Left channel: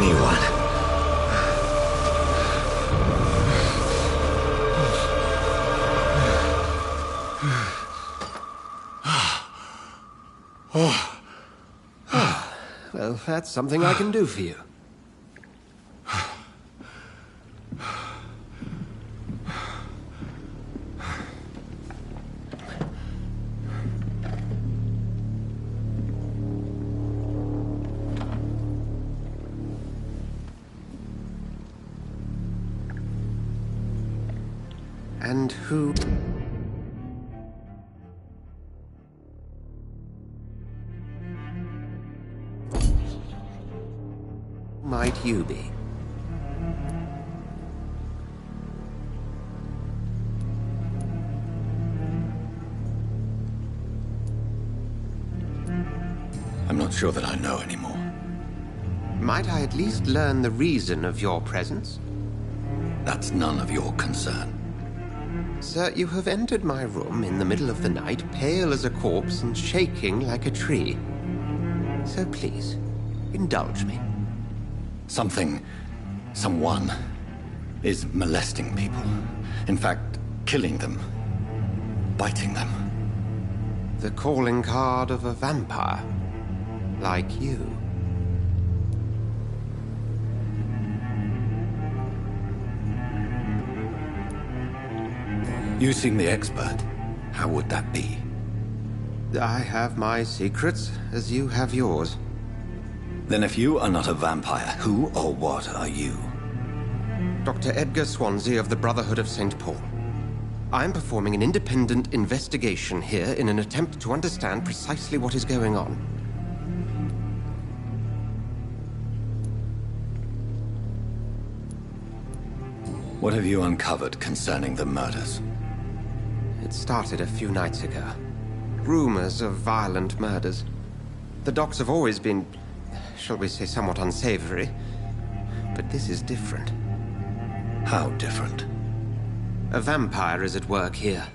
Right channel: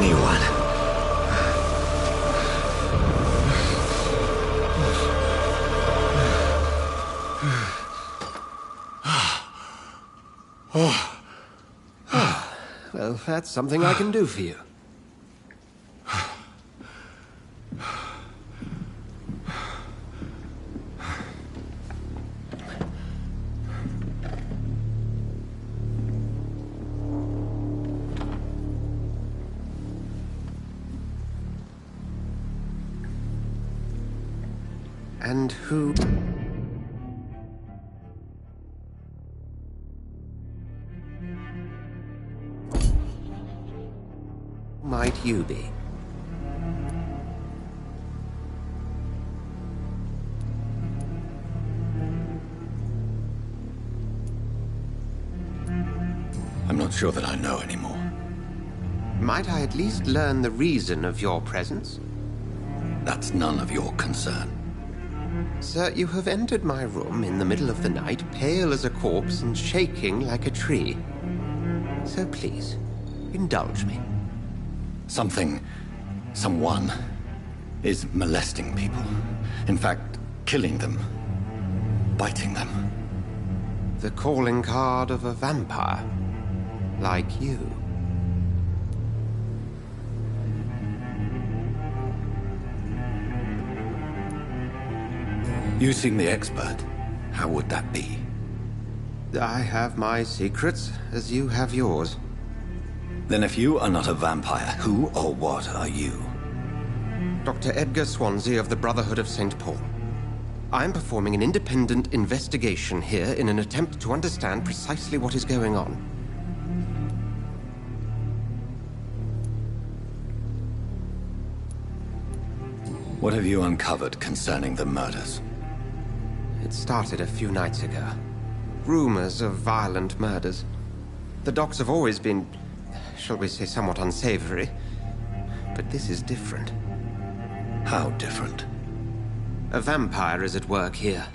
anyone. Well, that's something I can do for you. And who... might you be? I'm not sure that I know anymore. Might I at least learn the reason of your presence? That's none of your concern. Sir, you have entered my room in the middle of the night, pale as a corpse and shaking like a tree. So please, indulge me. Someone is molesting people. In fact, killing them. Biting them. The calling card of a vampire. Like you. You seem the expert. How would that be? I have my secrets, as you have yours. Then if you are not a vampire, who or what are you? Dr. Edgar Swansea of the Brotherhood of St. Paul. I'm performing an independent investigation here in an attempt to understand precisely what is going on. What have you uncovered concerning the murders? It started a few nights ago. Rumors of violent murders. The docs have always been, shall we say, somewhat unsavory. But this is different. How different? A vampire is at work here.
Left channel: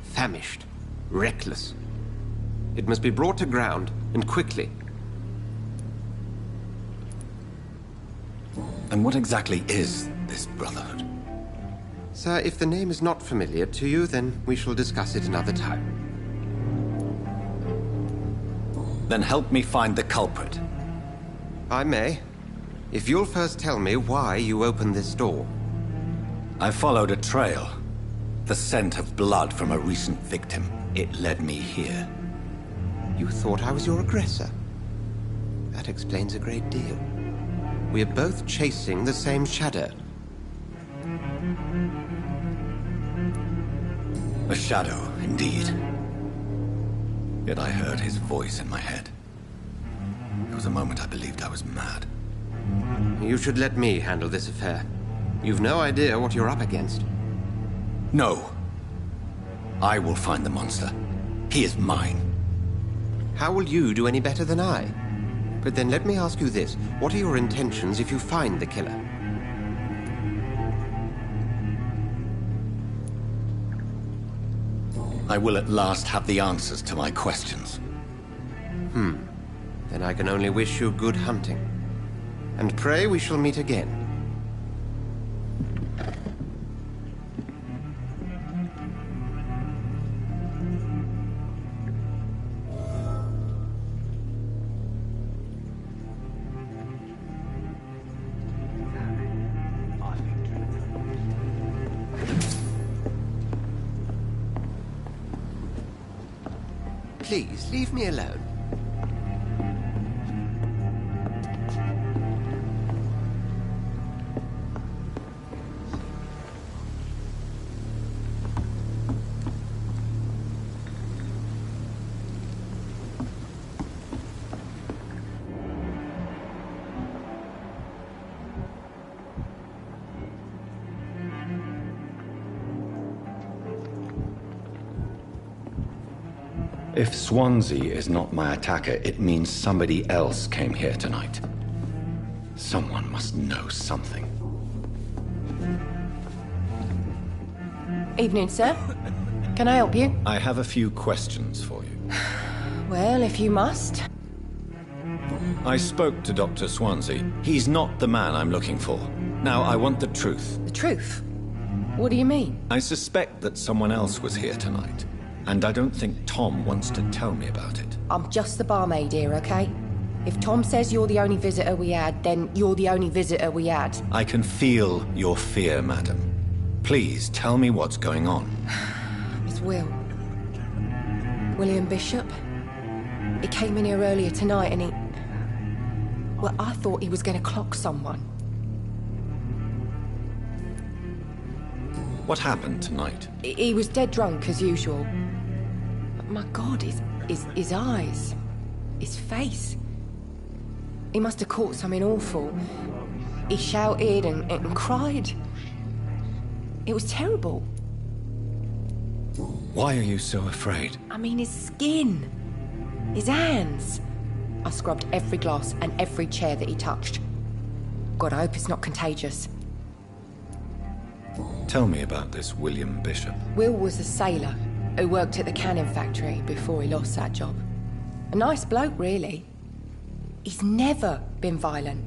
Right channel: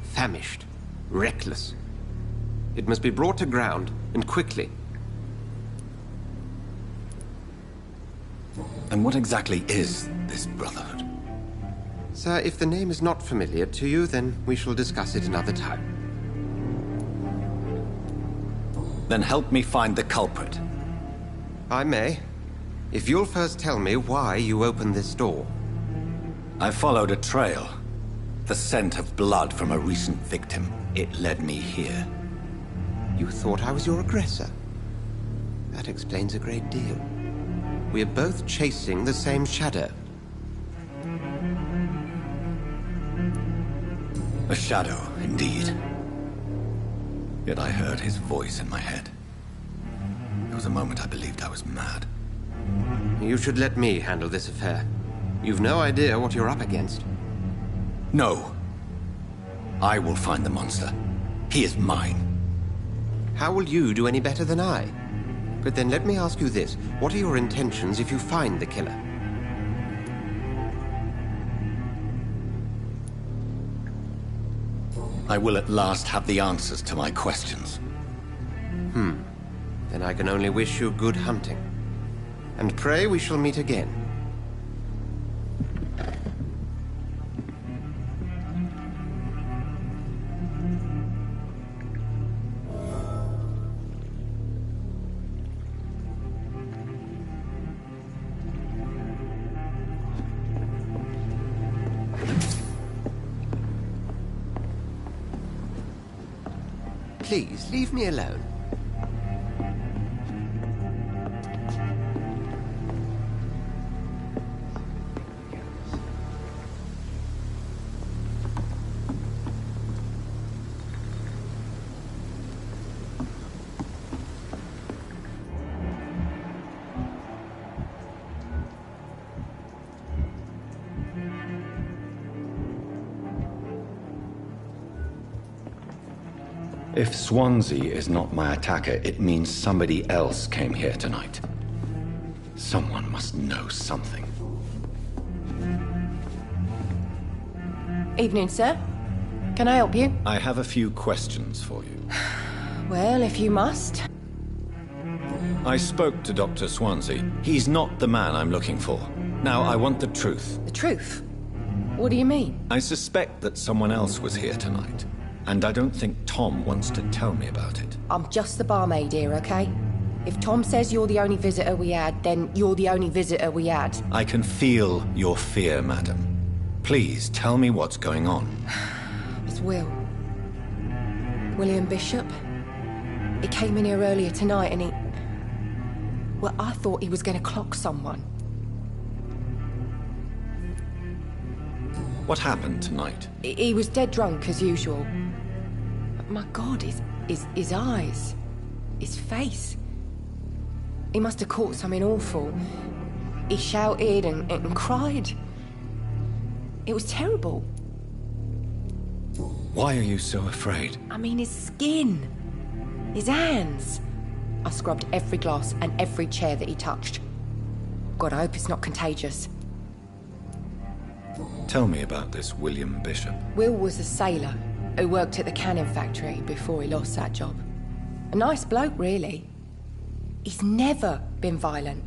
Famished. Reckless. It must be brought to ground, and quickly. And what exactly is this Brotherhood? Sir, if the name is not familiar to you, then we shall discuss it another time. Then help me find the culprit. I may. If you'll first tell me why you opened this door. I followed a trail. The scent of blood from a recent victim. It led me here. You thought I was your aggressor? That explains a great deal. We are both chasing the same shadow. A shadow, indeed. Yet I heard his voice in my head. There was a moment I believed I was mad. You should let me handle this affair. You've no idea what you're up against. No. I will find the monster. He is mine. How will you do any better than I? But then let me ask you this. What are your intentions if you find the killer? I will at last have the answers to my questions. Then I can only wish you good hunting. And pray we shall meet again. Please, leave me alone. If Swansea is not my attacker, it means somebody else came here tonight. Someone must know something. Evening, sir. Can I help you? I have a few questions for you. Well, if you must. I spoke to Dr. Swansea. He's not the man I'm looking for. Now, I want the truth. The truth? What do you mean? I suspect that someone else was here tonight, and I don't think Tom wants to tell me about it. I'm just the barmaid here, okay? If Tom says you're the only visitor we had, then you're the only visitor we had. I can feel your fear, madam. Please, tell me what's going on. It's Will. William Bishop. He came in here earlier tonight and he... Well, I thought he was going to clock someone. What happened tonight? He was dead drunk, as usual. But my God, his eyes. His face. He must have caught something awful. He shouted and cried. It was terrible. Why are you so afraid? I mean, his skin. His hands. I scrubbed every glass and every chair that he touched. God, I hope it's not contagious. Tell me about this William Bishop. Will was a sailor who worked at the cannon factory before he lost that job. A nice bloke, really. He's never been violent.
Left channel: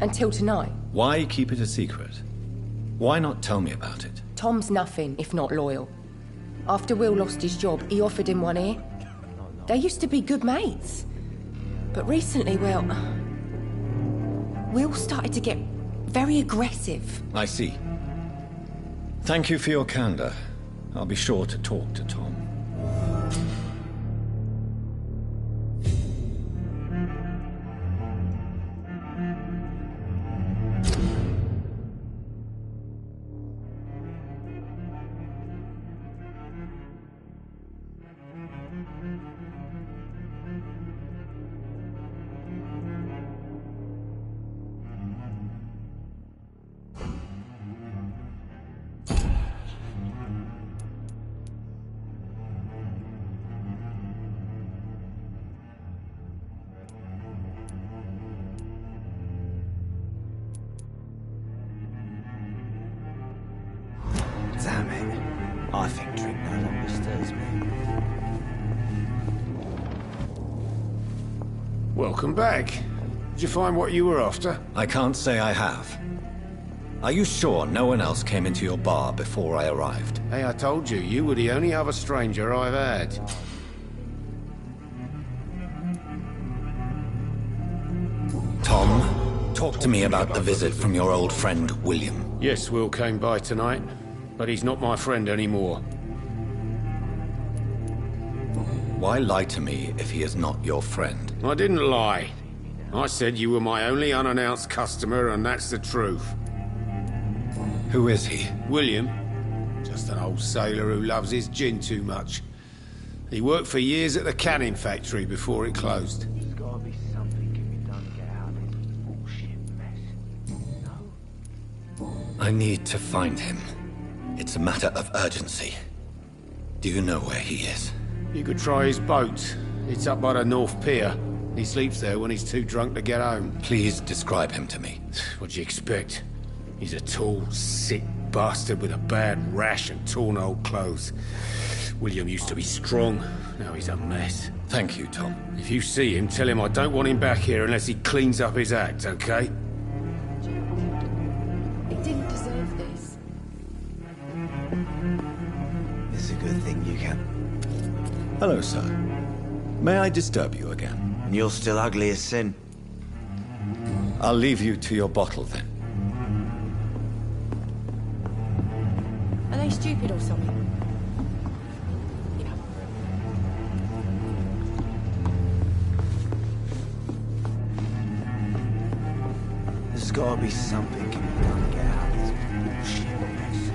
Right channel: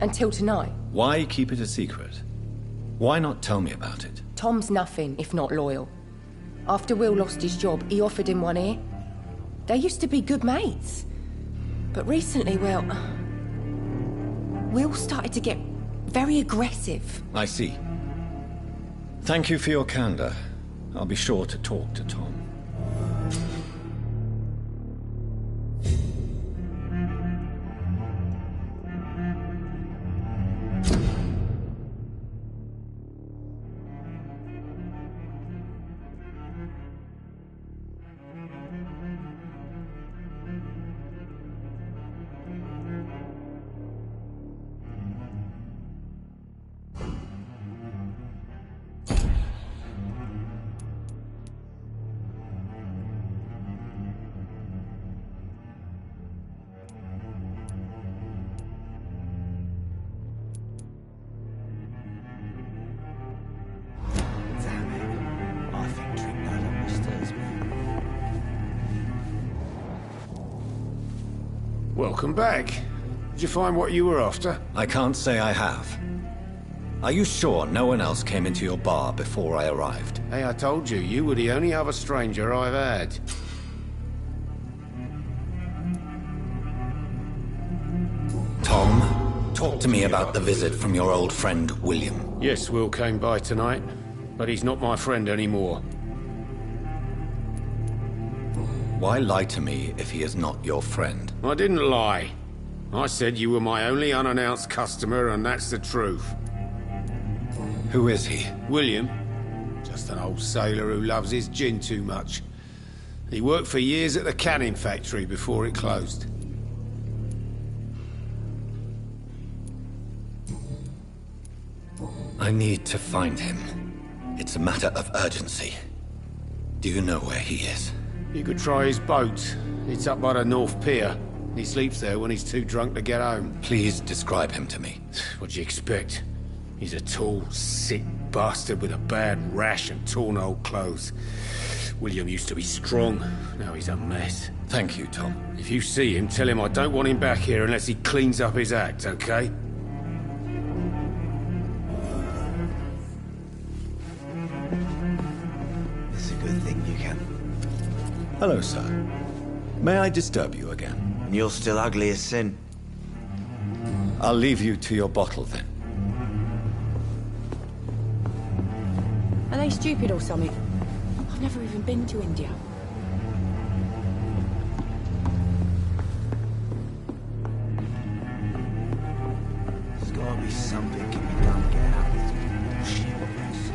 Until tonight. Why keep it a secret? Why not tell me about it? Tom's nothing if not loyal. After Will lost his job, he offered him one ear. They used to be good mates. But recently, well... Will started to get very aggressive. I see. Thank you for your candor. I'll be sure to talk to Tom. Damn it. I think drink no longer stirs me. Welcome back. Did you find what you were after? I can't say I have. Are you sure no one else came into your bar before I arrived? Hey, I told you, you were the only other stranger I've had. Tom, talk to me about the visit from your old friend, William. Yes, Will came by tonight, but he's not my friend anymore. Why lie to me if he is not your friend? I didn't lie. I said you were my only unannounced customer, and that's the truth. Who is he? William. Just an old sailor who loves his gin too much. He worked for years at the cannon factory before it closed. I need to find him. It's a matter of urgency. Do you know where he is? You could try his boat. It's up by the North Pier. He sleeps there when he's too drunk to get home. Please describe him to me. What do you expect? He's a tall, sick bastard with a bad rash and torn old clothes. William used to be strong. Now he's a mess. Thank you, Tom. If you see him, tell him I don't want him back here unless he cleans up his act, okay? He didn't deserve this. It's a good thing you can. Hello, sir. May I disturb you again? And you're still ugly as sin. I'll leave you to your bottle, then. Are they stupid or something? I've never even been to India. There's gotta be something can be done to get out of this bullshit mess.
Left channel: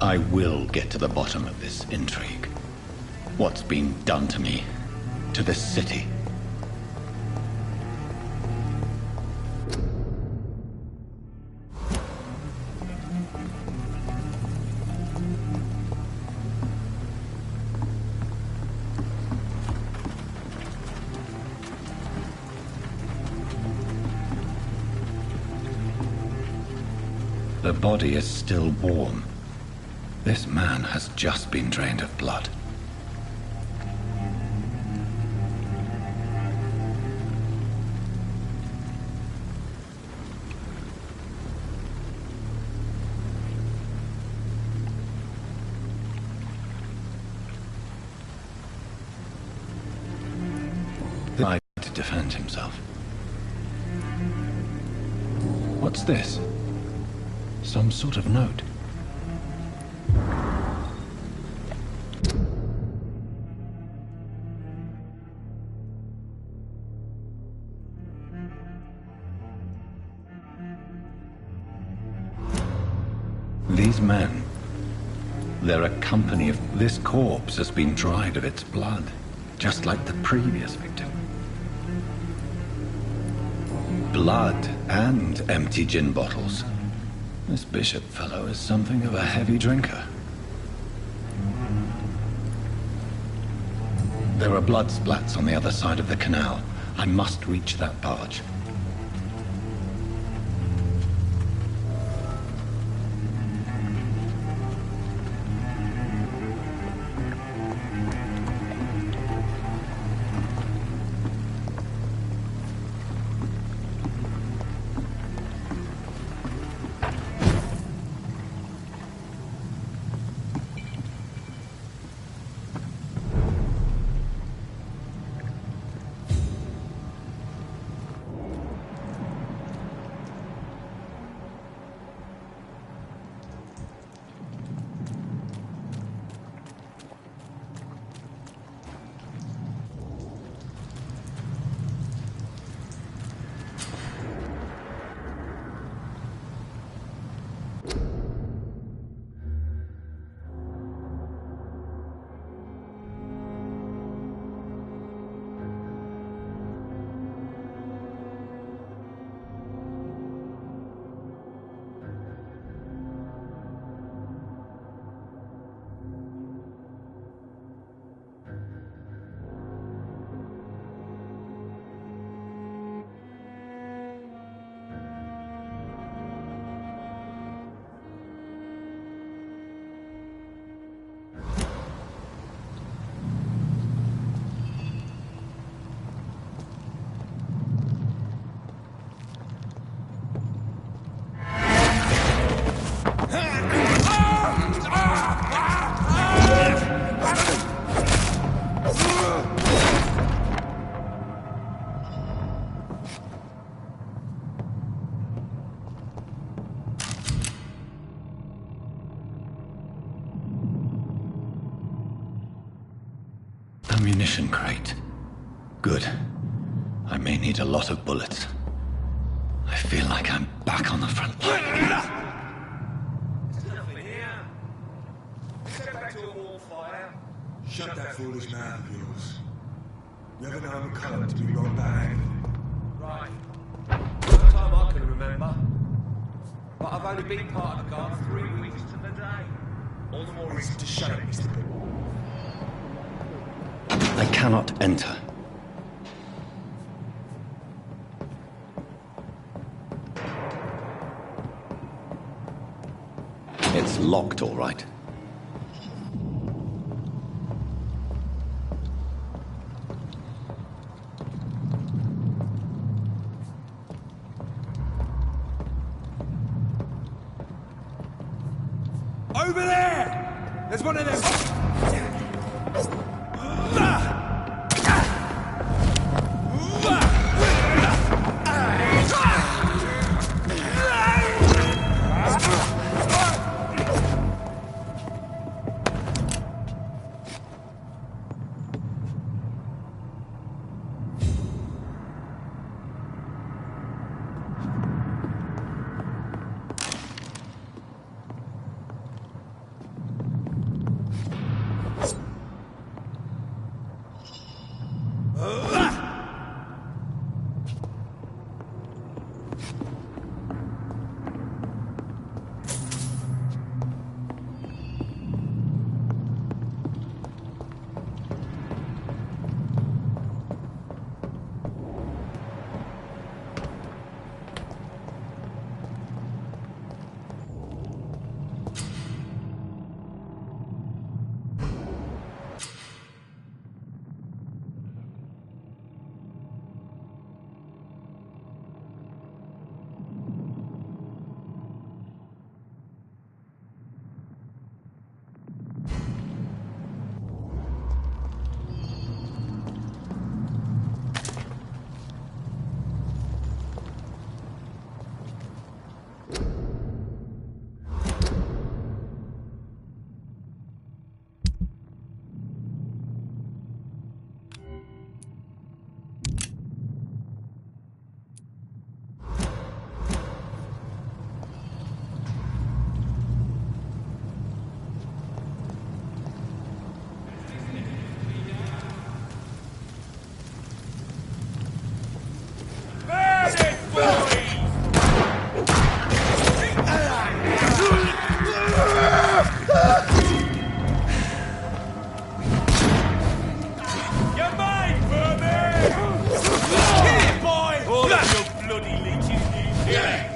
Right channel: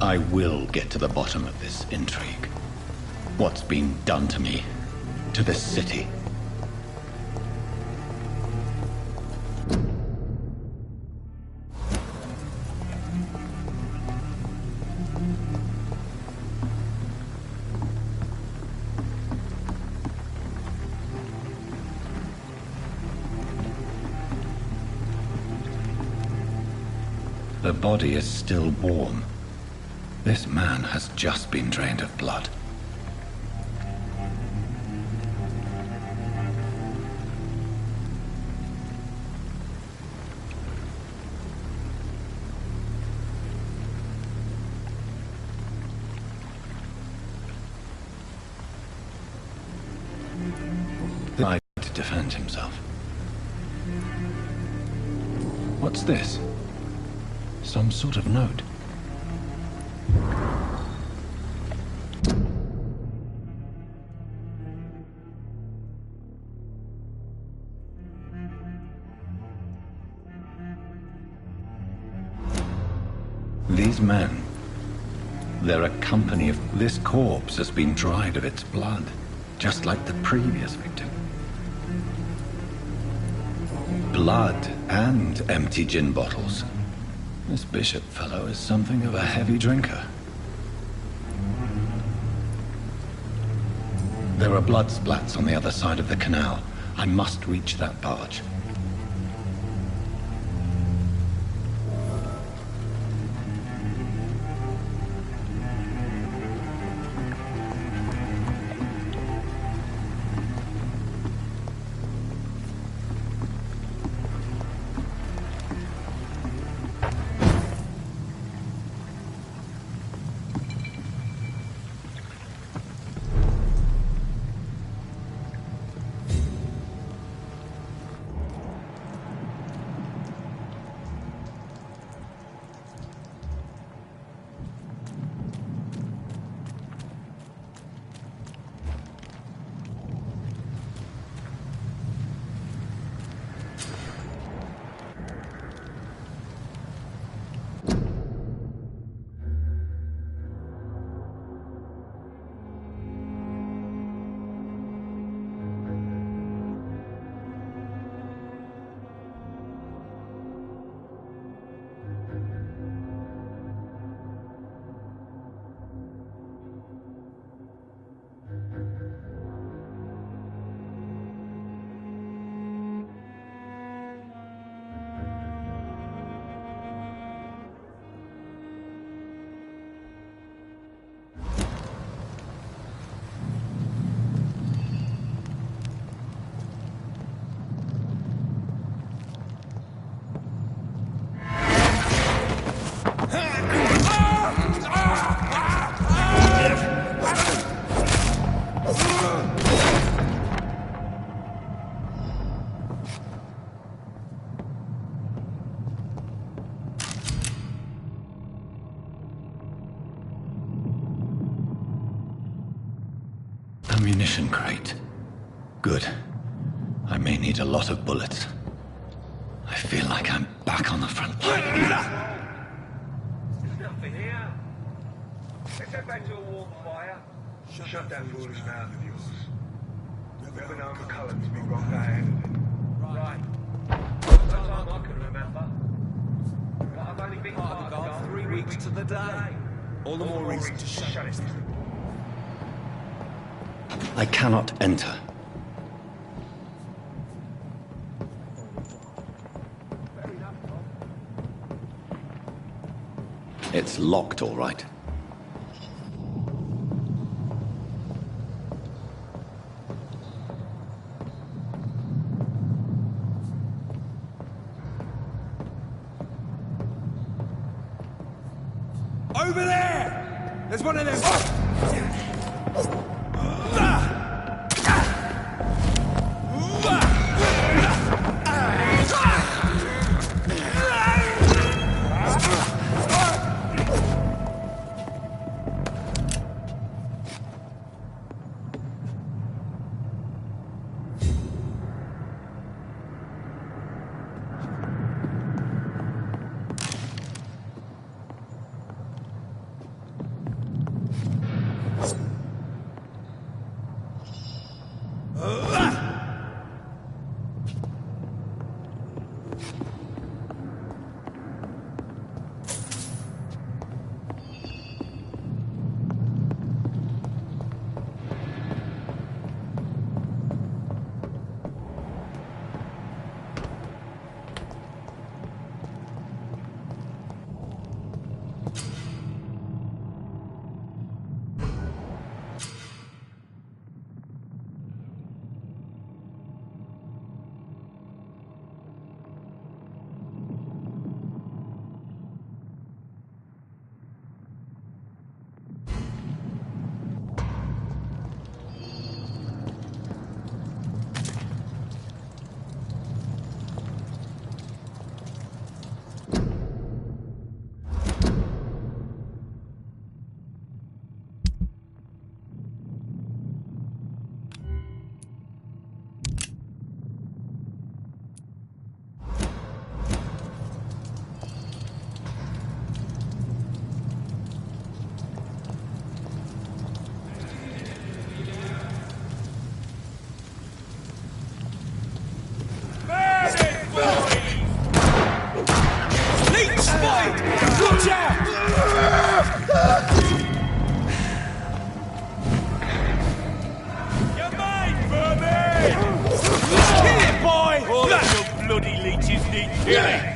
I will get to the bottom of this intrigue. What's been done to me, to this city. The body is still warm. This man has just been drained of blood. to defend himself. What's this? Some sort of note. These men, they're a company of... This corpse has been dried of its blood, just like the previous victim. Blood and empty gin bottles. This Bishop fellow is something of a heavy drinker. There are blood splats on the other side of the canal. I must reach that barge. Ammunition crate. Good. I may need a lot of bullets. I feel like I'm back on the front line. Shut that foolish mouth of yours. You ever known McCullum to be wrong bad? Right. No time I can remember. But I've only been part of the guard 3 weeks to the day. All the more reason to shut up, Mr. People. I cannot enter. It's locked, all right. Over there! There's one of them. Kill it, boy! All of your bloody leeches need killing!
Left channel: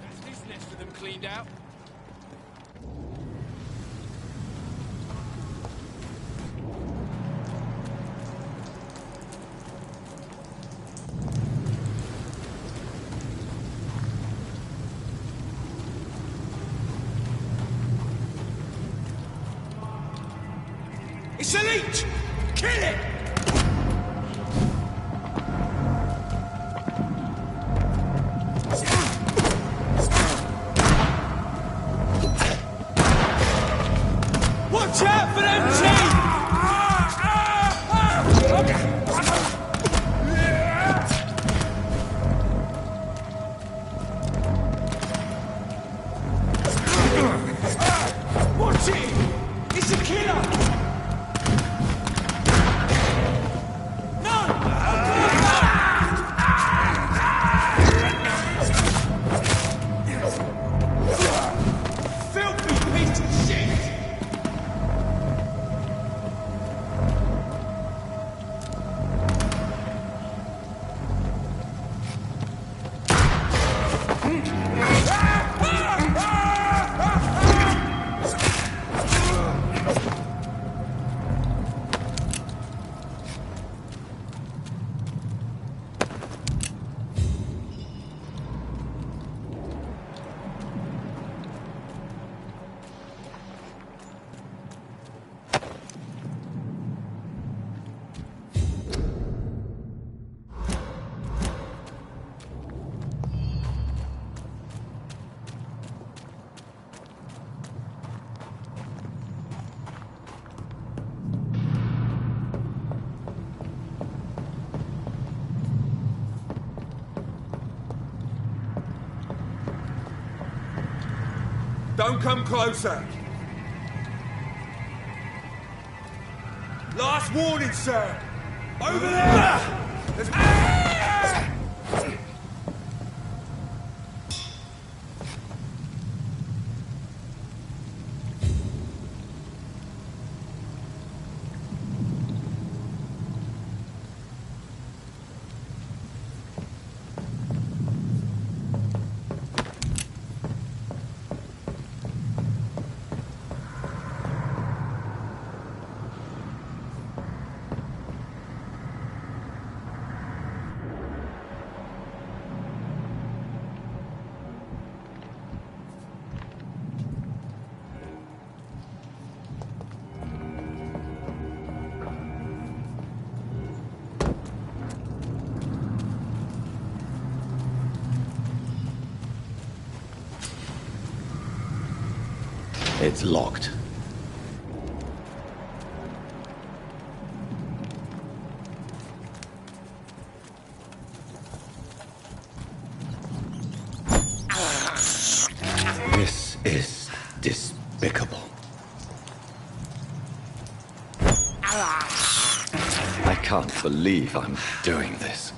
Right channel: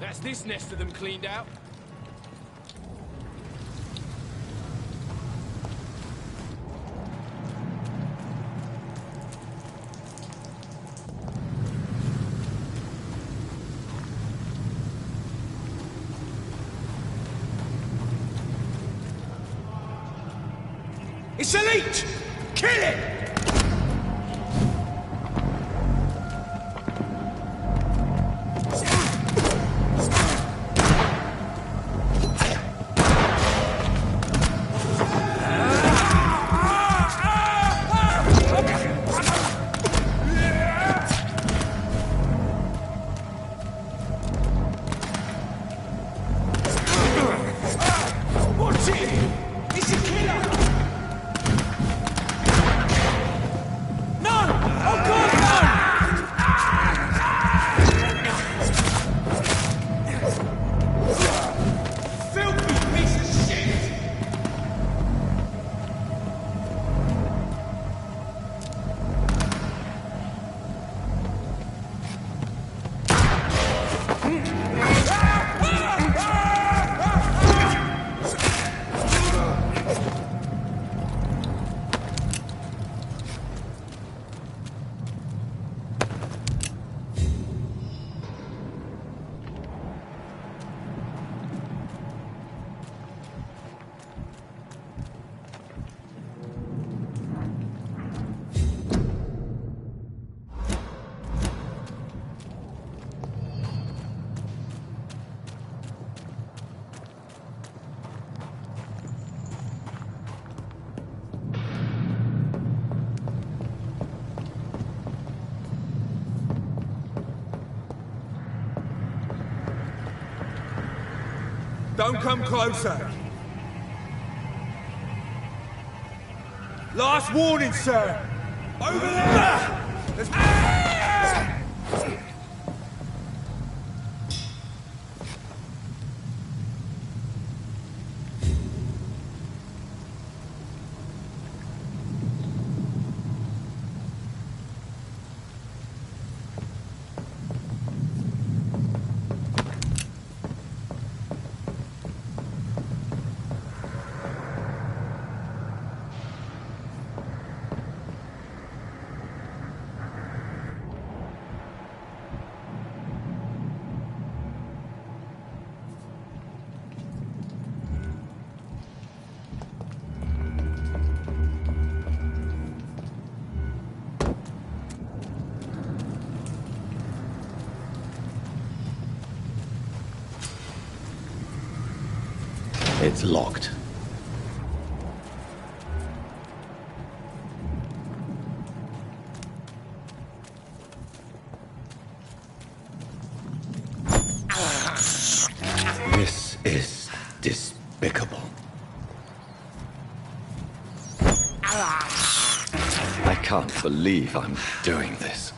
That's this nest of them cleaned out. It's a leech! Kill it! Watch out for them Watch it! It's a killer! Don't come closer. Last warning, sir. Over there! There's... It's locked. This is despicable. I can't believe I'm doing this.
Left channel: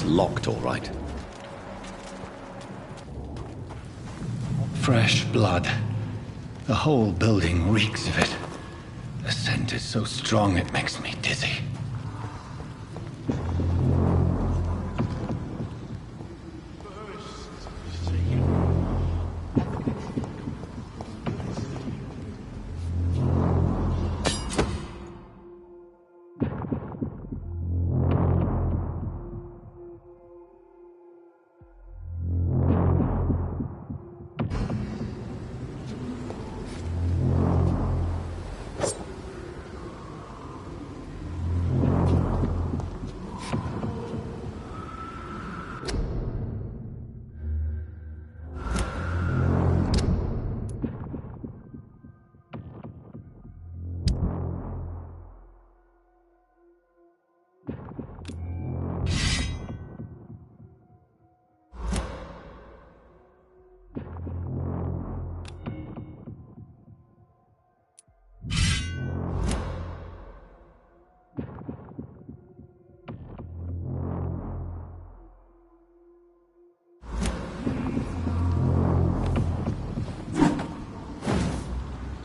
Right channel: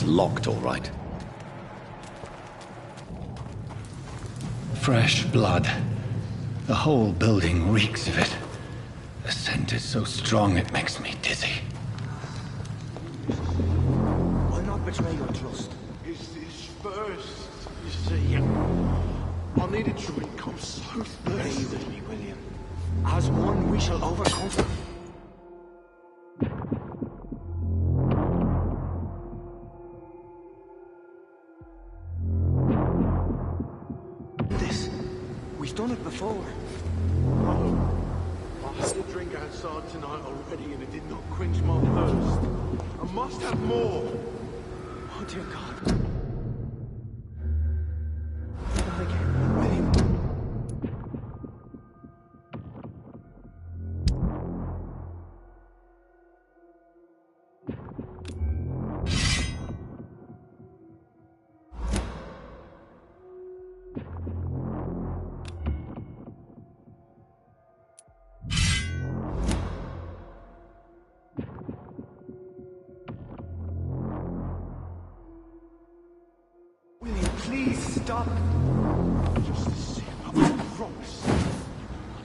It's locked, all right. Fresh blood. The whole building reeks of it. The scent is so strong it makes me dizzy. I'll not betray your trust. It's this first, you see. I needed to become so thirsty. Stay with me, William. As one, we shall overcome. This, we've done it before. I had a drink outside tonight already and it did not quench my thirst. I must have more. Oh dear God. William, please stop. I promise.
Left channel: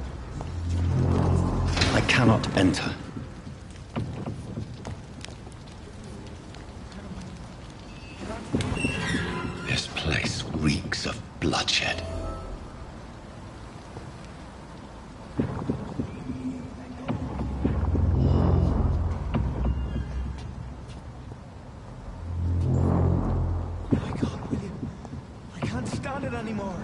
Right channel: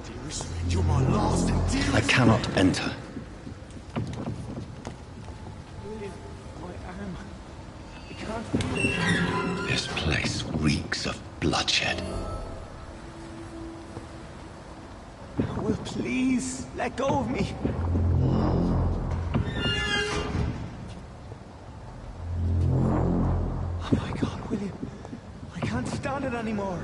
Dearest friend, you're my last and dearest. I cannot enter. William, my arm. I can't feel it. This place reeks of bloodshed. Oh, Will, please, let go of me. Oh my God, William. I can't stand it anymore.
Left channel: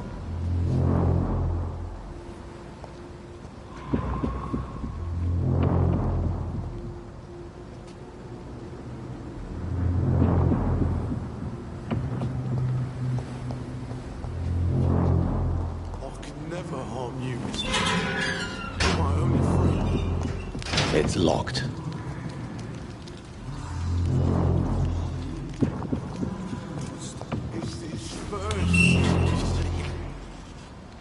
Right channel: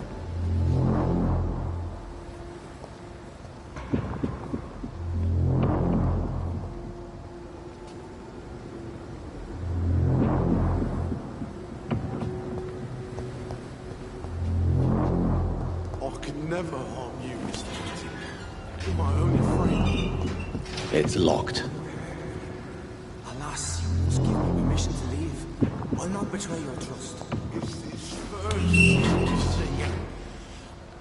I could never harm you, Mr. You're my only friend. It's locked. Alas, you must give me permission to leave. I'll not betray your trust. It's this first, you see.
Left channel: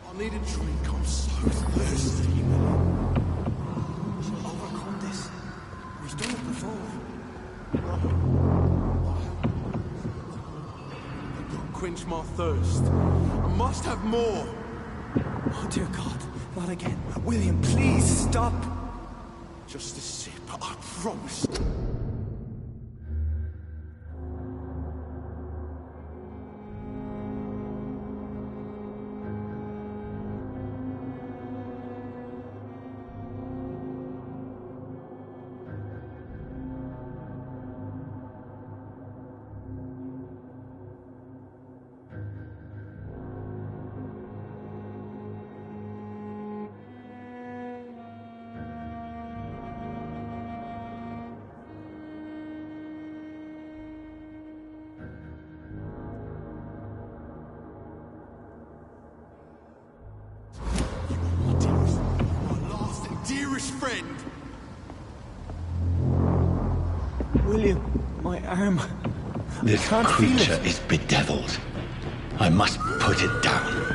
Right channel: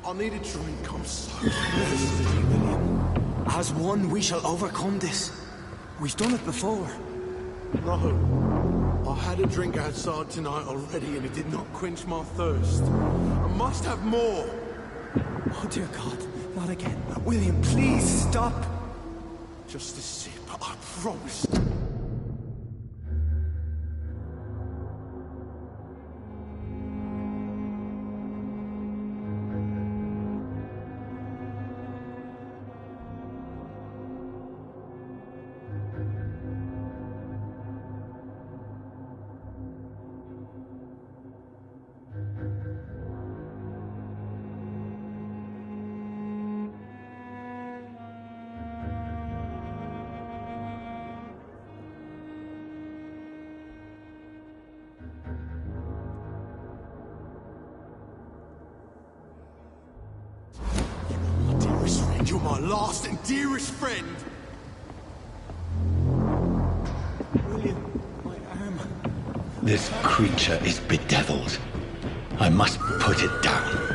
I needed to become so thirsty. Stay, William. As one, we shall overcome this. We've done it before. No. I had a drink outside tonight already and it did not quench my thirst. I must have more. Oh dear God, not again. William, please stop. Just a sip, I promise. You're my last and dearest friend. William, my arm. This Can't feel creature it. is bedeviled. I must put it down.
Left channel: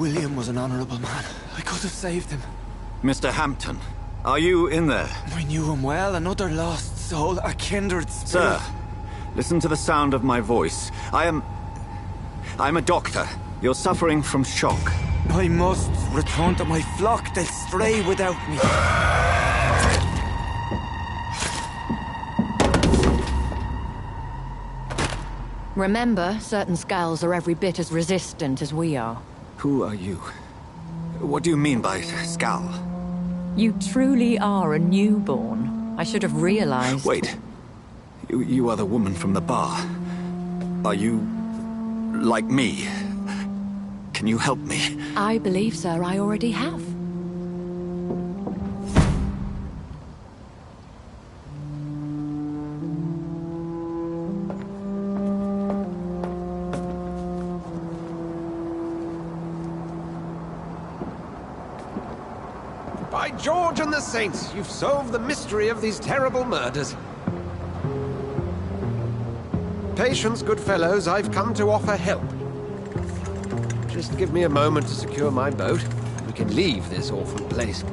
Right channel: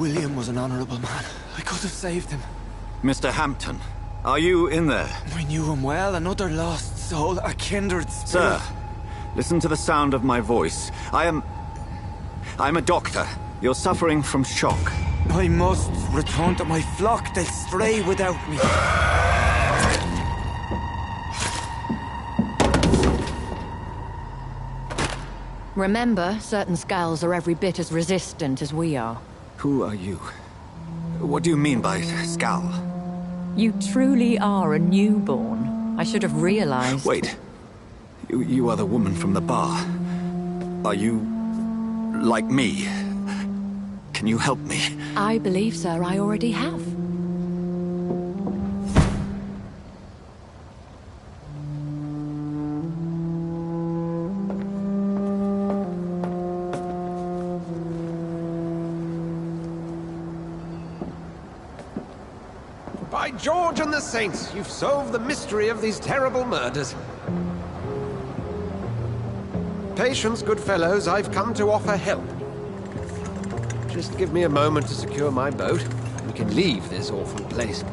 William was an honorable man. I could have saved him. Mr. Hampton, are you in there? I knew him well, another lost soul, a kindred spirit. Sir, listen to the sound of my voice. I'm a doctor. You're suffering from shock. I must return to my flock. They'll stray without me. Remember, certain skulls are every bit as resistant as we are. Who are you? What do you mean by Skal? You truly are a newborn. I should have realized. Wait. You are the woman from the bar. Are you... like me? Can you help me? I believe, sir, I already have. By George and the Saints, you've solved the mystery of these terrible murders. Patience, good fellows, I've come to offer help. Just give me a moment to secure my boat. We can leave this awful place.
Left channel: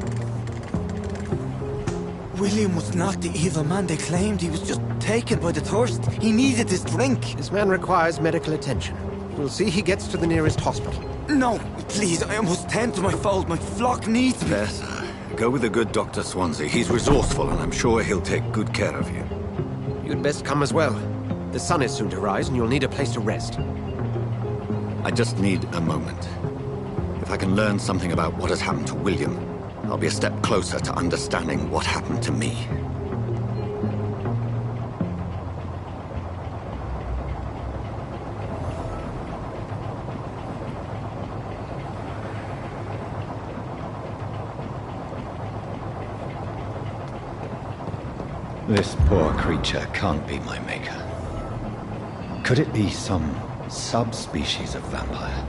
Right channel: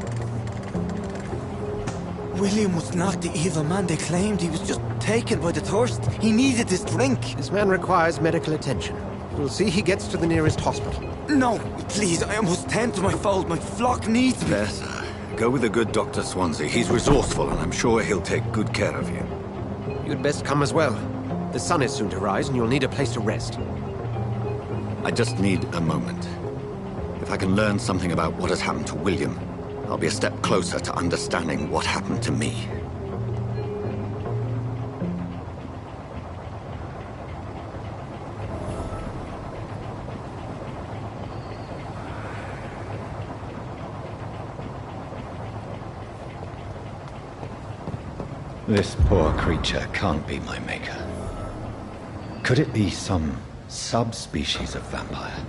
William was not the evil man they claimed. He was just taken by the thirst. He needed this drink. This man requires medical attention. We'll see he gets to the nearest hospital. No, please, I must tend to my fold. My flock needs me. There, sir. Go with the good Dr. Swansea. He's resourceful, and I'm sure he'll take good care of you. You'd best come as well. The sun is soon to rise, and you'll need a place to rest. I just need a moment. If I can learn something about what has happened to William, I'll be a step closer to understanding what happened to me. This poor creature can't be my maker. Could it be some subspecies of vampire?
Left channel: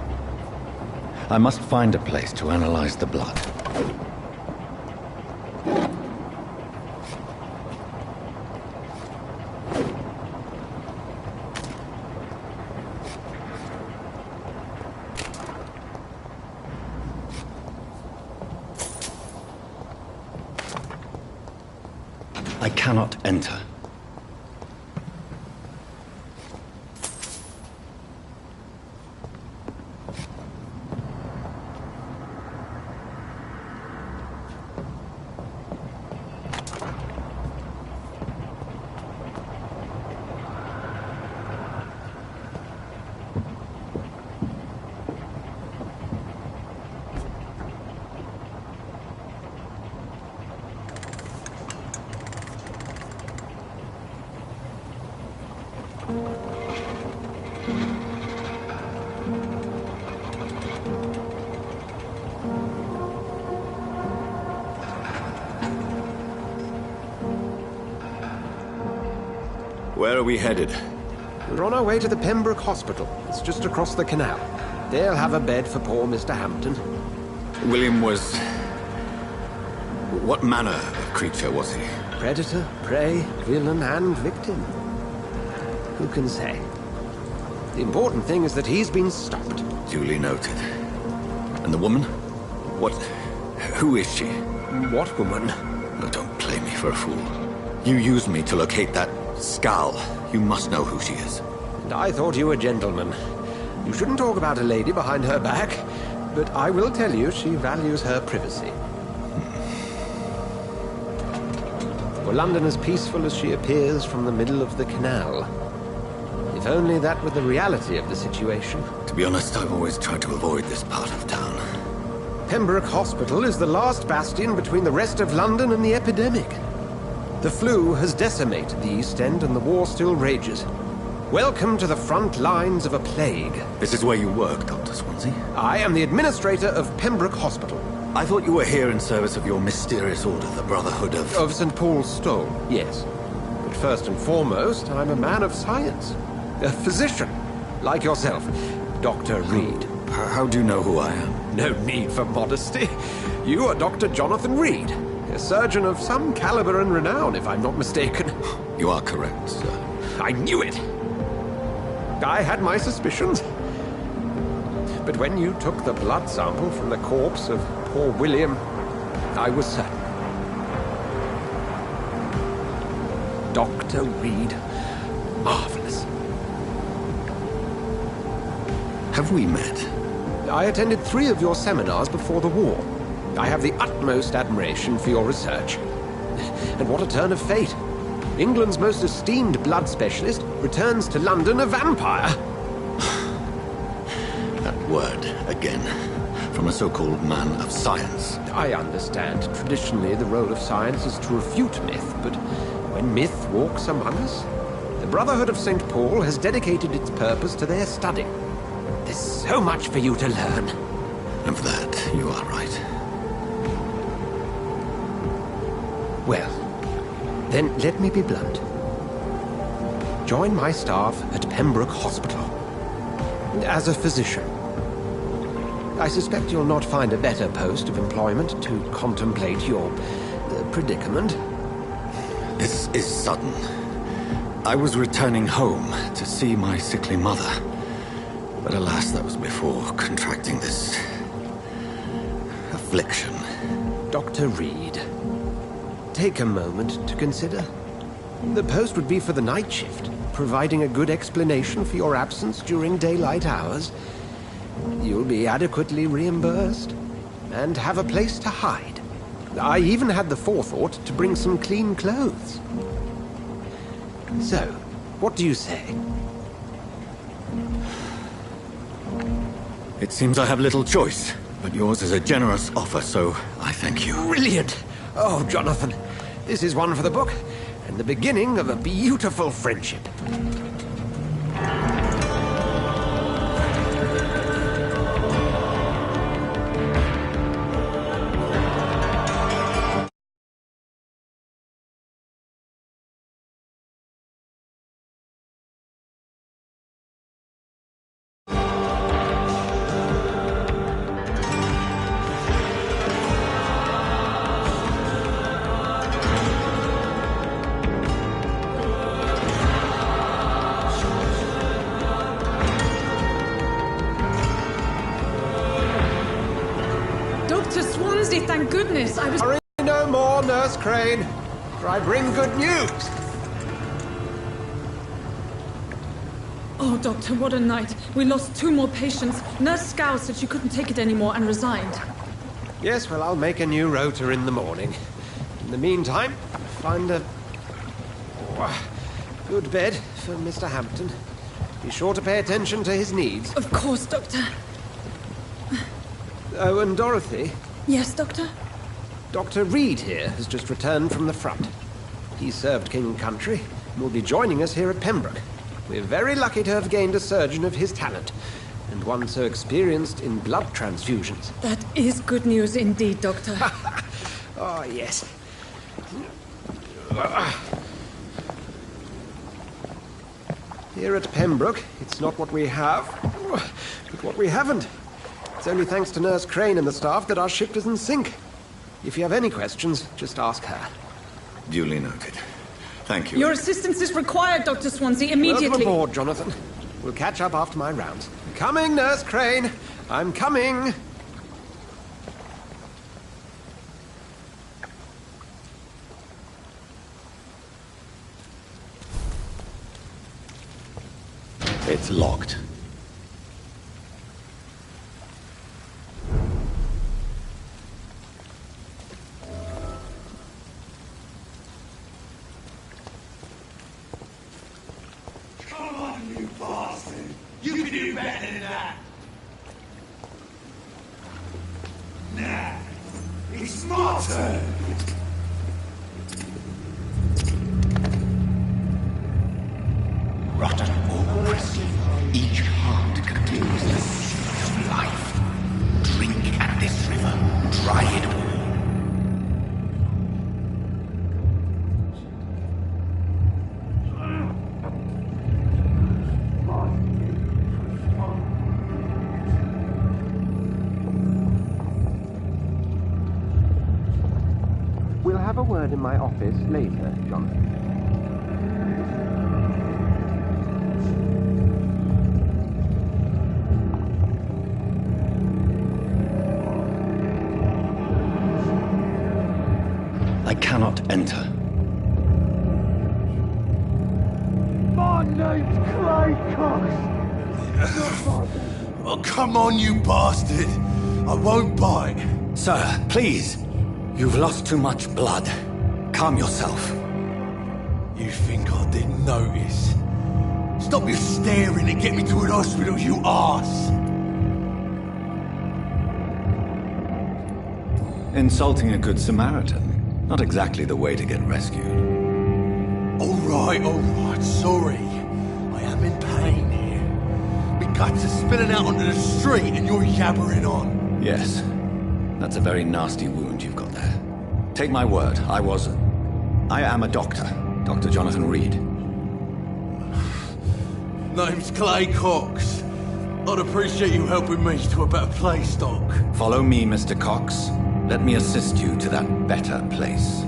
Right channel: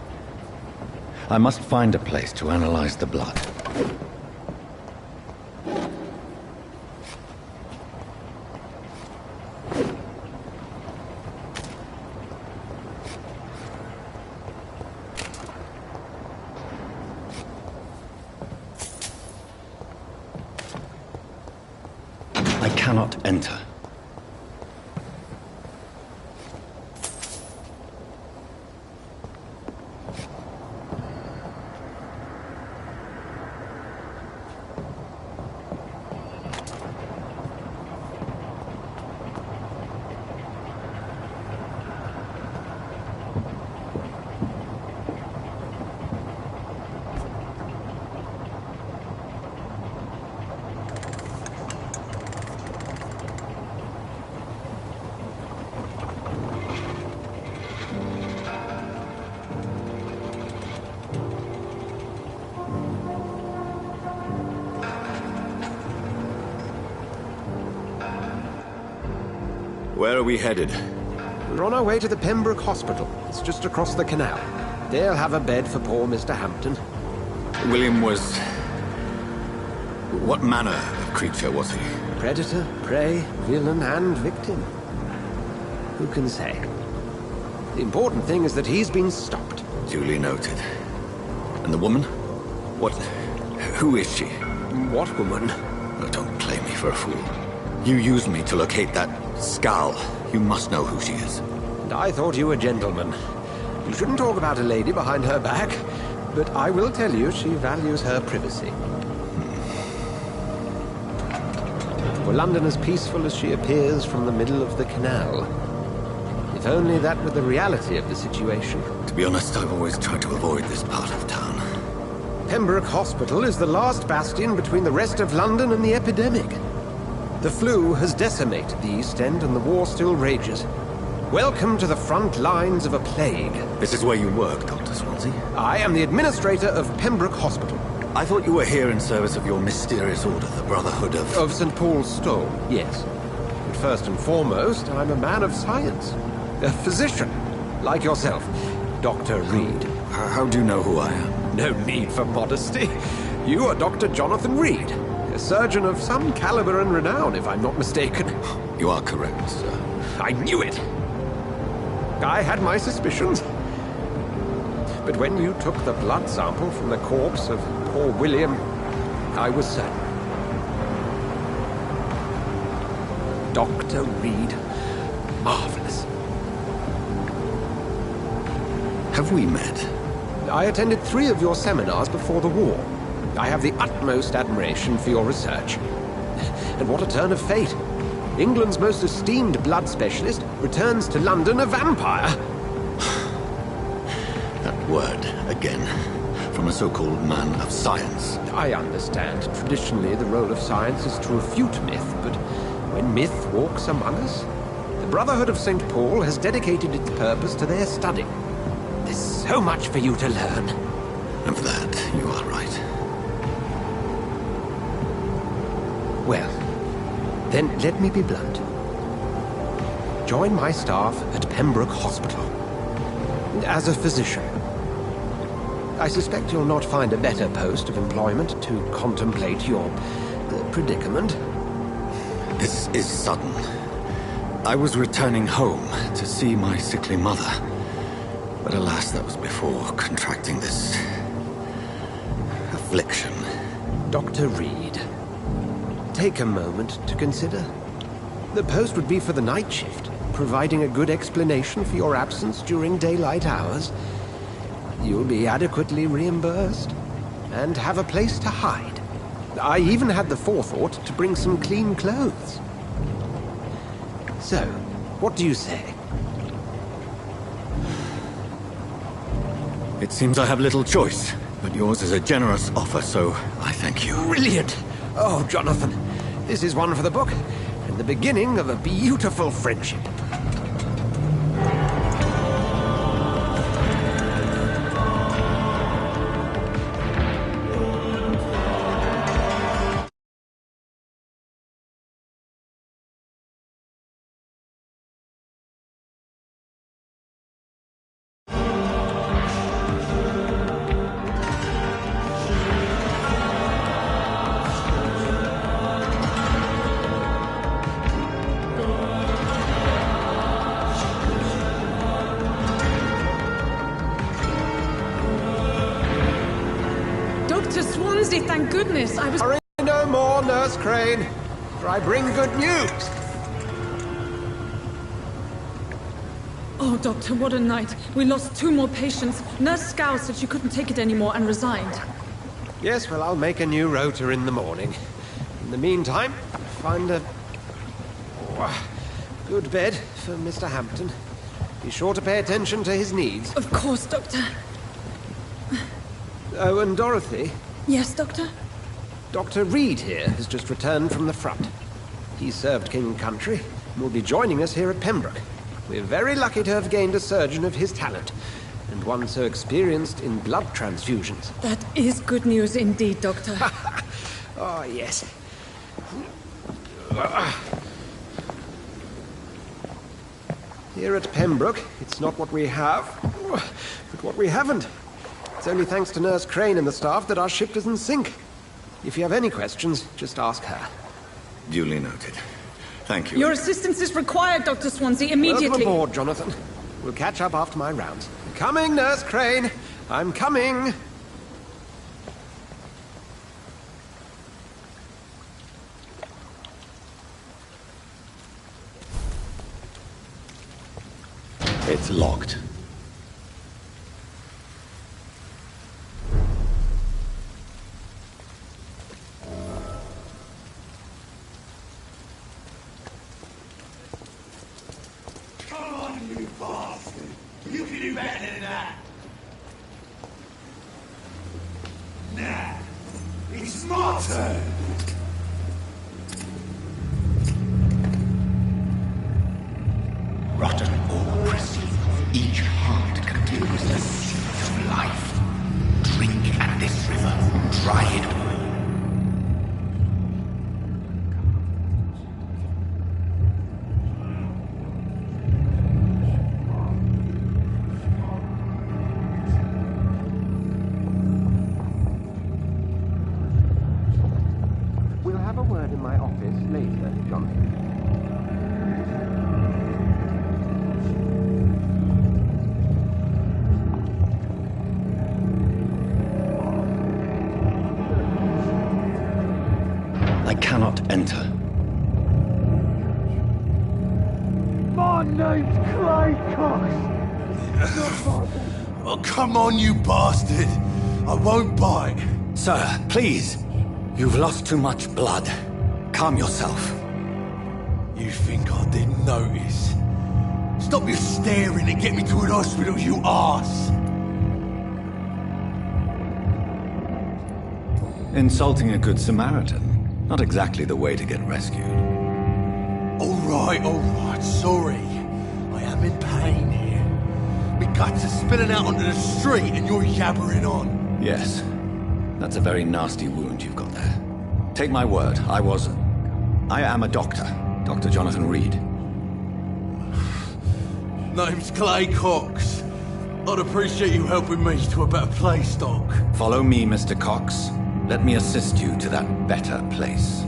I must find a place to analyze the blood. I cannot enter. Where are we headed? We're on our way to the Pembroke Hospital. It's just across the canal. They'll have a bed for poor Mr. Hampton. William was... what manner of creature was he? Predator, prey, villain, and victim. Who can say? The important thing is that he's been stopped. Duly noted. And the woman? What... who is she? What woman? Oh, don't play me for a fool. You used me to locate that Skal. You must know who she is. And I thought you a gentleman. You shouldn't talk about a lady behind her back, but I will tell you she values her privacy. Were London as peaceful as she appears from the middle of the canal? If only that were the reality of the situation. To be honest, I've always tried to avoid this part of town. Pembroke Hospital is the last bastion between the rest of London and the epidemic. The flu has decimated the East End and the war still rages. Welcome to the front lines of a plague. This is where you work, Dr. Swansea? I am the administrator of Pembroke Hospital. I thought you were here in service of your mysterious order, the Brotherhood of... Of St. Paul's Stole, yes. But first and foremost, I'm a man of science. A physician, like yourself, Dr. Reed. How do you know who I am? No need for modesty. You are Dr. Jonathan Reed, a surgeon of some caliber and renown, if I'm not mistaken. You are correct, sir. I knew it! I had my suspicions. But when you took the blood sample from the corpse of poor William, I was certain. Dr. Reed. Marvelous. Have we met? I attended 3 of your seminars before the war. I have the utmost admiration for your research. And what a turn of fate. England's most esteemed blood specialist returns to London a vampire. That word, again. From a so-called man of science. I understand. Traditionally, the role of science is to refute myth, but when myth walks among us, the Brotherhood of St. Paul has dedicated its purpose to their study. There's so much for you to learn. Of that, you are right. Well, then let me be blunt. Join my staff at Pembroke Hospital. As a physician. I suspect you'll not find a better post of employment to contemplate your predicament. This is sudden. I was returning home to see my sickly mother. But alas, that was before contracting this affliction. Dr. Reed, take a moment to consider. The post would be for the night shift, providing a good explanation for your absence during daylight hours. You'll be adequately reimbursed and have a place to hide. I even had the forethought to bring some clean clothes. So, what do you say? It seems I have little choice, but yours is a generous offer, so I thank you. Brilliant! Oh, Jonathan, this is one for the book, and the beginning of a beautiful friendship. Dr. Swansea, thank goodness. I was... Hurry no more, Nurse Crane, for I bring good news. Oh, Doctor, what a night. We lost 2 more patients. Nurse Scow said she couldn't take it anymore and resigned. Yes, well, I'll make a new rota in the morning. In the meantime, find a good bed for Mr. Hampton. Be sure to pay attention to his needs. Of course, Doctor. Oh, and Dorothy? Yes, Doctor? Dr. Reed here has just returned from the front. He served King and Country and will be joining us here at Pembroke. We're very lucky to have gained a surgeon of his talent, and one so experienced in blood transfusions. That is good news indeed, Doctor. Oh, yes. Here at Pembroke, it's not what we have, but what we haven't. It's only thanks to Nurse Crane and the staff that our ship doesn't sink. If you have any questions, just ask her. Duly noted. Thank you. Your assistance is required, Dr. Swansea, immediately. Welcome aboard, Jonathan. We'll catch up after my rounds. Coming, Nurse Crane. I'm coming. It's locked. Come on, you bastard! You can do better than that! Nah, it's my turn! Rotten or pristine, each heart contains the seeds of life. Drink at this river, dry it all. We'll have a word in my office later, Jonathan. name's Clay Cox. Oh, come on, you bastard. I won't bite. Sir, please. You've lost too much blood. Calm yourself. You think I didn't notice? Stop your staring and get me to an hospital, you arse! Insulting a good Samaritan. Not exactly the way to get rescued. Alright, sorry. I am in pain here. My guts are spilling out onto the street and you're yabbering on. Yes. That's a very nasty wound you've got there. Take my word, I am a doctor. Dr. Jonathan Reed. Name's Clay Cox. I'd appreciate you helping me to a better place, Doc. Follow me, Mr. Cox. Let me assist you to that better place.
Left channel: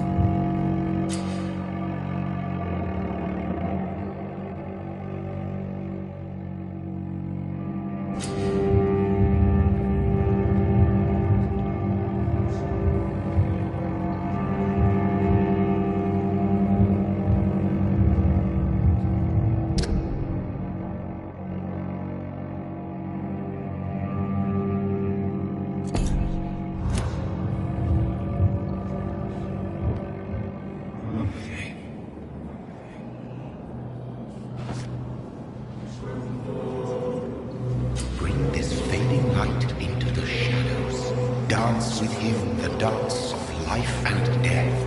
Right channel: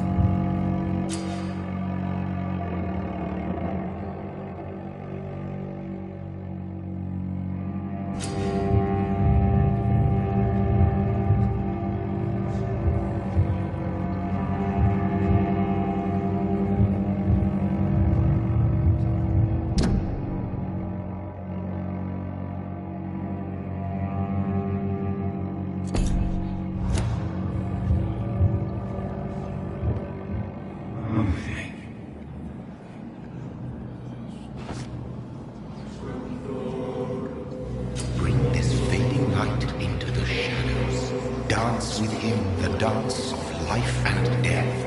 Bring this fading light into the shadows. Dance with him the dance of life and death.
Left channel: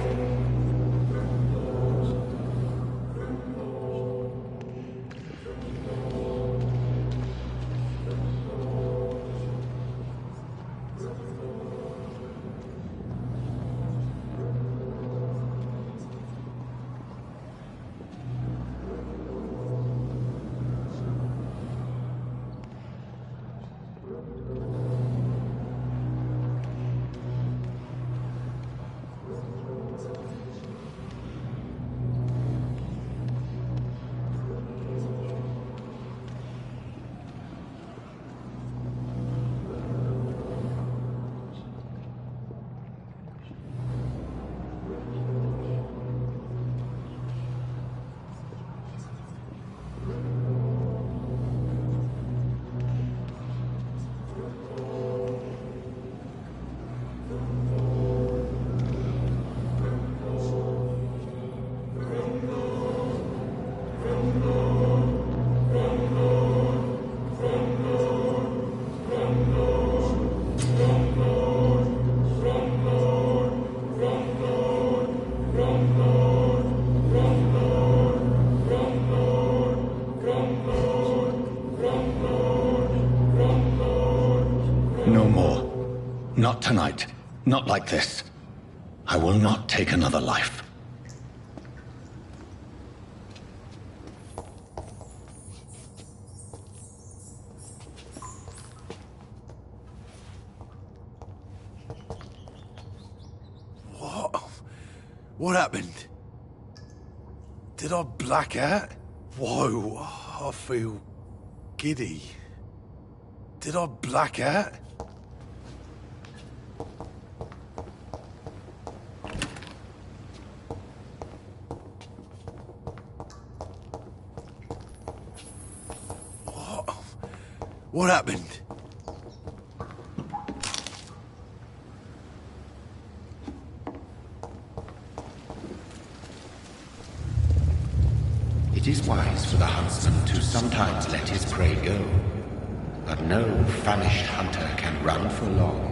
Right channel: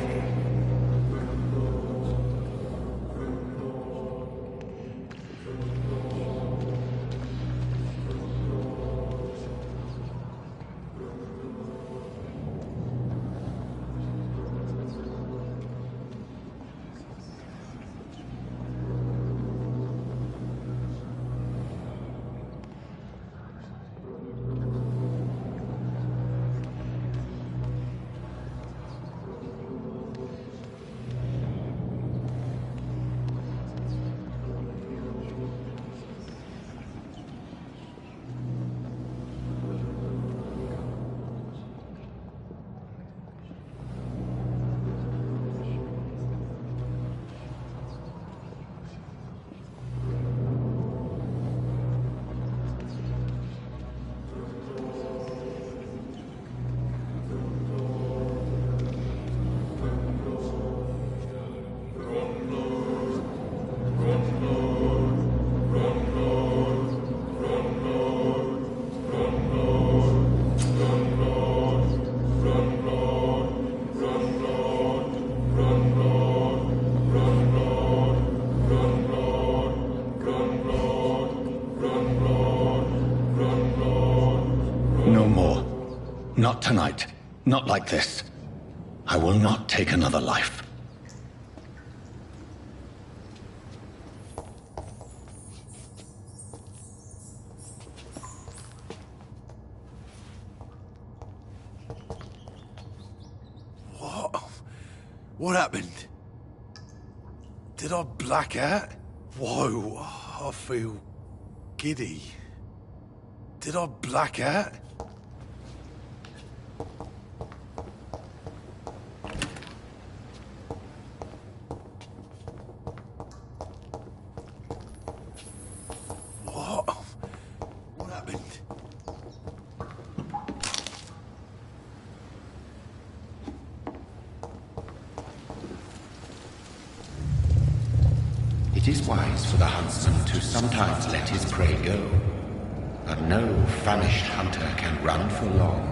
No more. Not tonight. Not like this. I will not take another life. What happened? Did I black out? Whoa, I feel giddy. Did I black out? What happened? It is wise for the huntsman to sometimes let his prey go, but no famished hunter can run for long.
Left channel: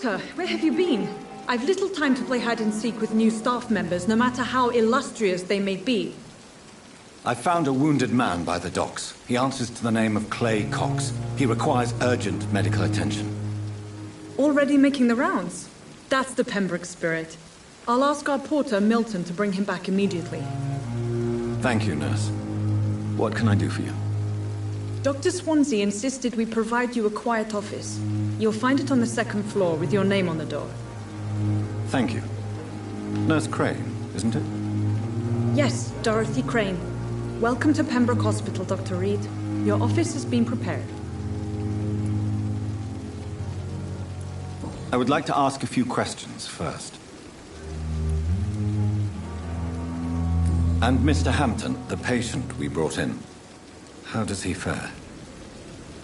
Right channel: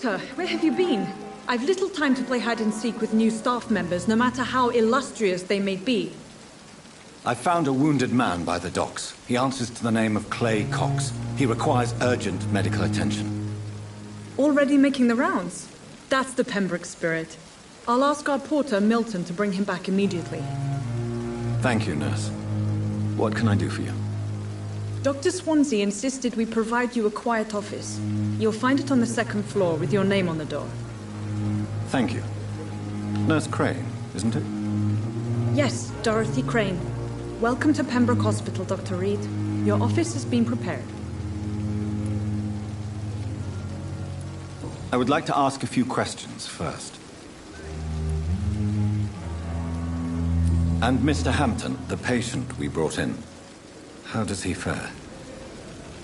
Doctor, where have you been? I've little time to play hide-and-seek with new staff members, no matter how illustrious they may be. I found a wounded man by the docks. He answers to the name of Clay Cox. He requires urgent medical attention. Already making the rounds? That's the Pembroke spirit. I'll ask our porter, Milton, to bring him back immediately. Thank you, nurse. What can I do for you? Dr. Swansea insisted we provide you a quiet office. You'll find it on the second floor with your name on the door. Thank you. Nurse Crane, isn't it? Yes, Dorothy Crane. Welcome to Pembroke Hospital, Dr. Reed. Your office has been prepared. I would like to ask a few questions first. And Mr. Hampton, the patient we brought in, how does he fare?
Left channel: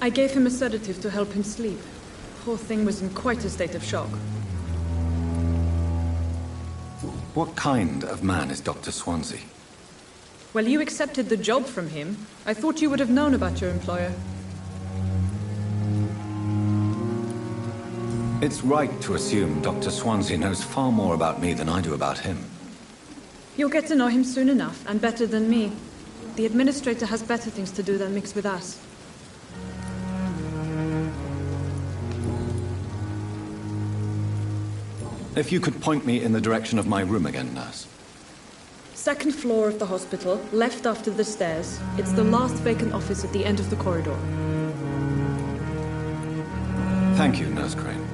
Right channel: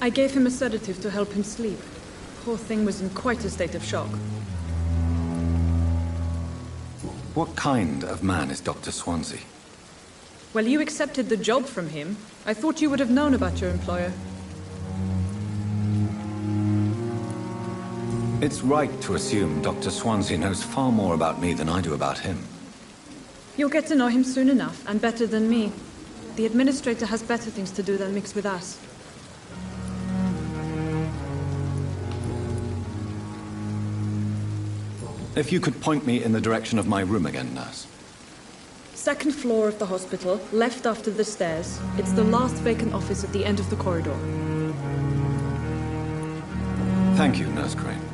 I gave him a sedative to help him sleep. Poor thing was in quite a state of shock. What kind of man is Dr. Swansea? Well, you accepted the job from him. I thought you would have known about your employer. It's right to assume Dr. Swansea knows far more about me than I do about him. You'll get to know him soon enough, and better than me. The administrator has better things to do than mix with us. If you could point me in the direction of my room again, nurse. Second floor of the hospital, left after the stairs. It's the last vacant office at the end of the corridor. Thank you, Nurse Crane.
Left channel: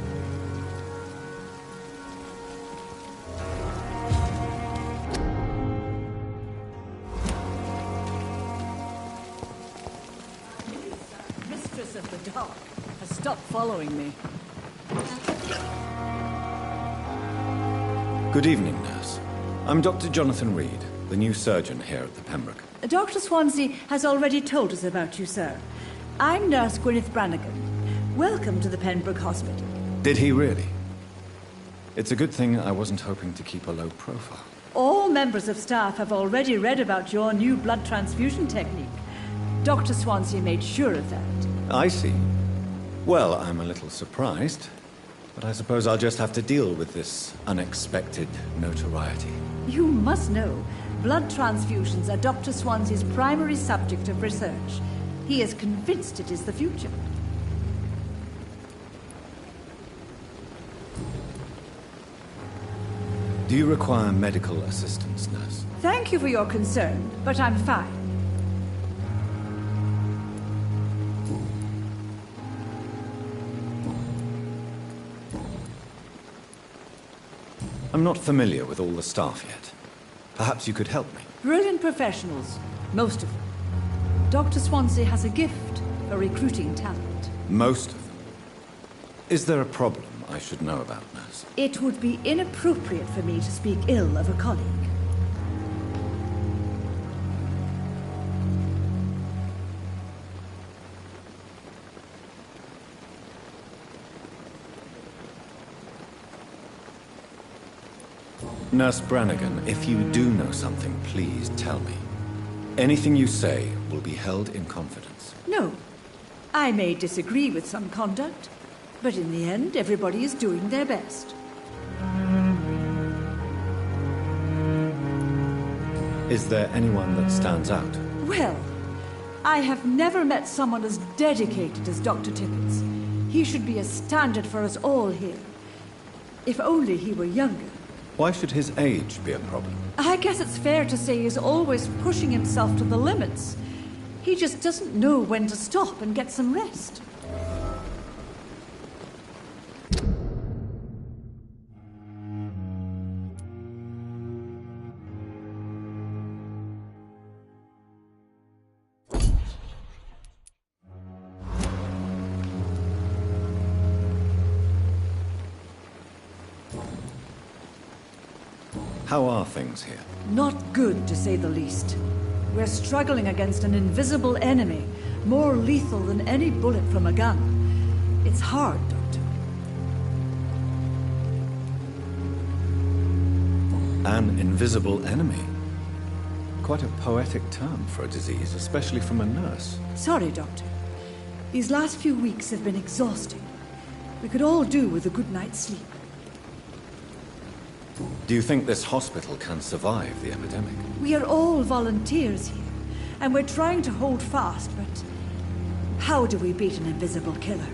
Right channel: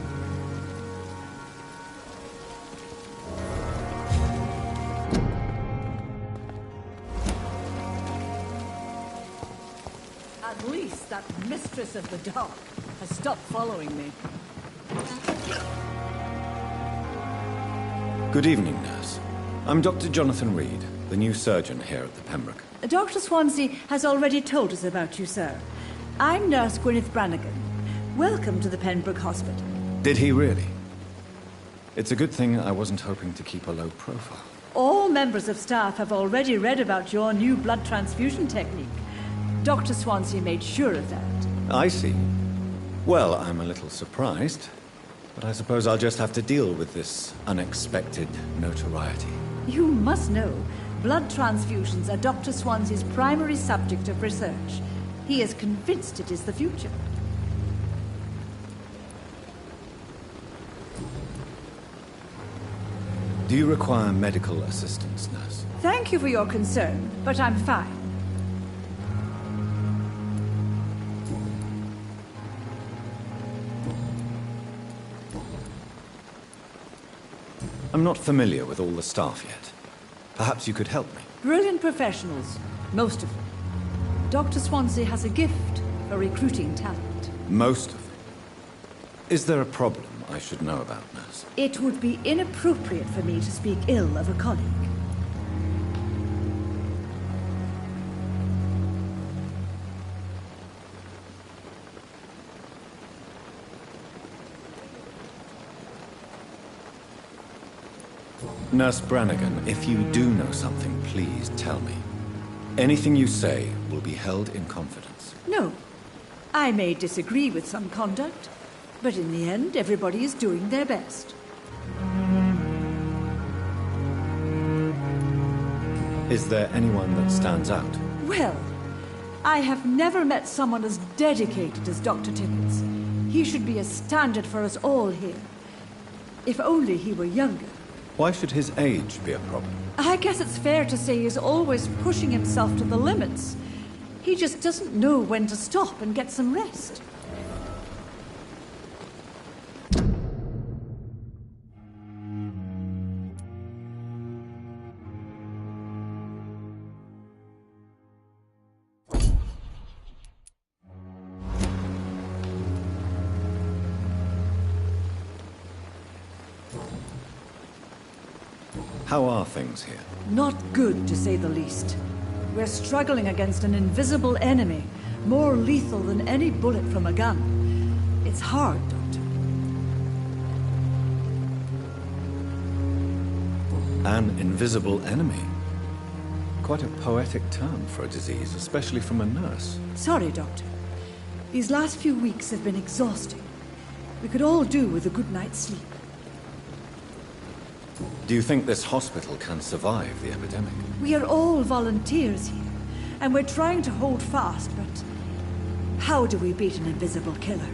At least that mistress of the dark has stopped following me. Good evening, nurse. I'm Dr. Jonathan Reed, the new surgeon here at the Pembroke. Dr. Swansea has already told us about you, sir. I'm Nurse Gwyneth Brannigan. Welcome to the Pembroke Hospital. Did he really? It's a good thing I wasn't hoping to keep a low profile. All members of staff have already read about your new blood transfusion technique. Dr. Swansea made sure of that. I see. Well, I'm a little surprised, but I suppose I'll just have to deal with this unexpected notoriety. You must know, blood transfusions are Dr. Swansea's primary subject of research. He is convinced it is the future. Do you require medical assistance, nurse? Thank you for your concern, but I'm fine. I'm not familiar with all the staff yet. Perhaps you could help me. Brilliant professionals, most of them. Dr. Swansea has a gift for recruiting talent. Most of them? Is there a problem I should know about, nurse? It would be inappropriate for me to speak ill of a colleague. Nurse Brannigan, if you do know something, please tell me. Anything you say will be held in confidence. No. I may disagree with some conduct, but in the end, everybody is doing their best. Is there anyone that stands out? Well, I have never met someone as dedicated as Dr. Tippett. He should be a standard for us all here. If only he were younger. Why should his age be a problem? I guess it's fair to say he's always pushing himself to the limits. He just doesn't know when to stop and get some rest. How are things here? Not good, to say the least. We're struggling against an invisible enemy, more lethal than any bullet from a gun. It's hard, Doctor. An invisible enemy? Quite a poetic term for a disease, especially from a nurse. Sorry, Doctor. These last few weeks have been exhausting. We could all do with a good night's sleep. Do you think this hospital can survive the epidemic? We are all volunteers here, and we're trying to hold fast, but how do we beat an invisible killer?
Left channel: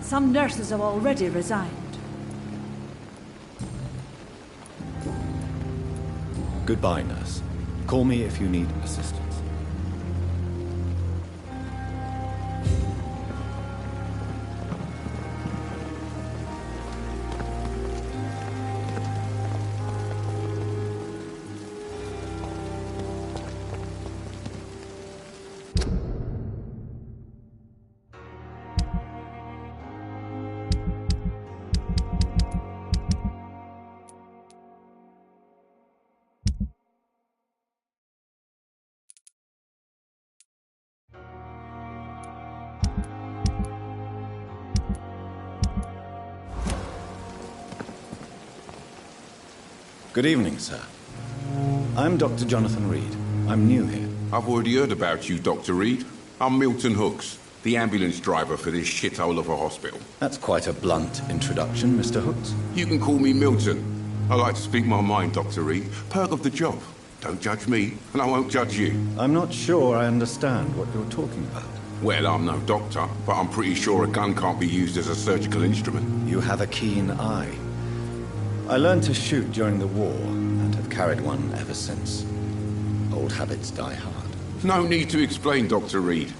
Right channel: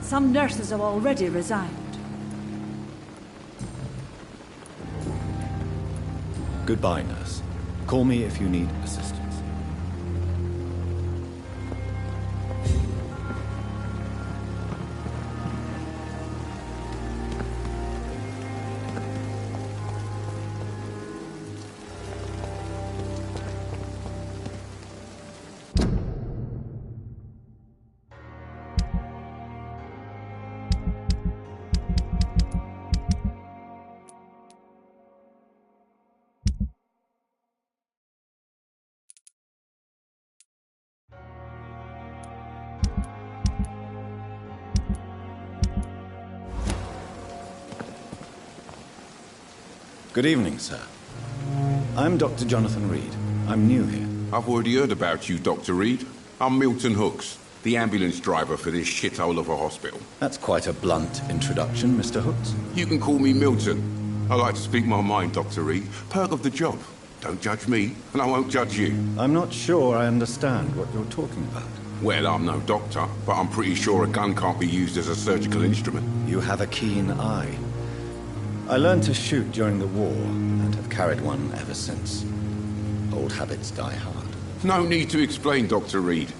Some nurses have already resigned. Goodbye, nurse. Call me if you need assistance. Good evening, sir. I'm Dr. Jonathan Reed. I'm new here. I've already heard about you, Dr. Reed. I'm Milton Hooks, the ambulance driver for this shithole of a hospital. That's quite a blunt introduction, Mr. Hooks. You can call me Milton. I like to speak my mind, Dr. Reed. Perk of the job. Don't judge me, and I won't judge you. I'm not sure I understand what you're talking about. Well, I'm no doctor, but I'm pretty sure a gun can't be used as a surgical instrument. You have a keen eye. I learned to shoot during the war, and have carried one ever since. Old habits die hard. No need to explain, Dr. Reed.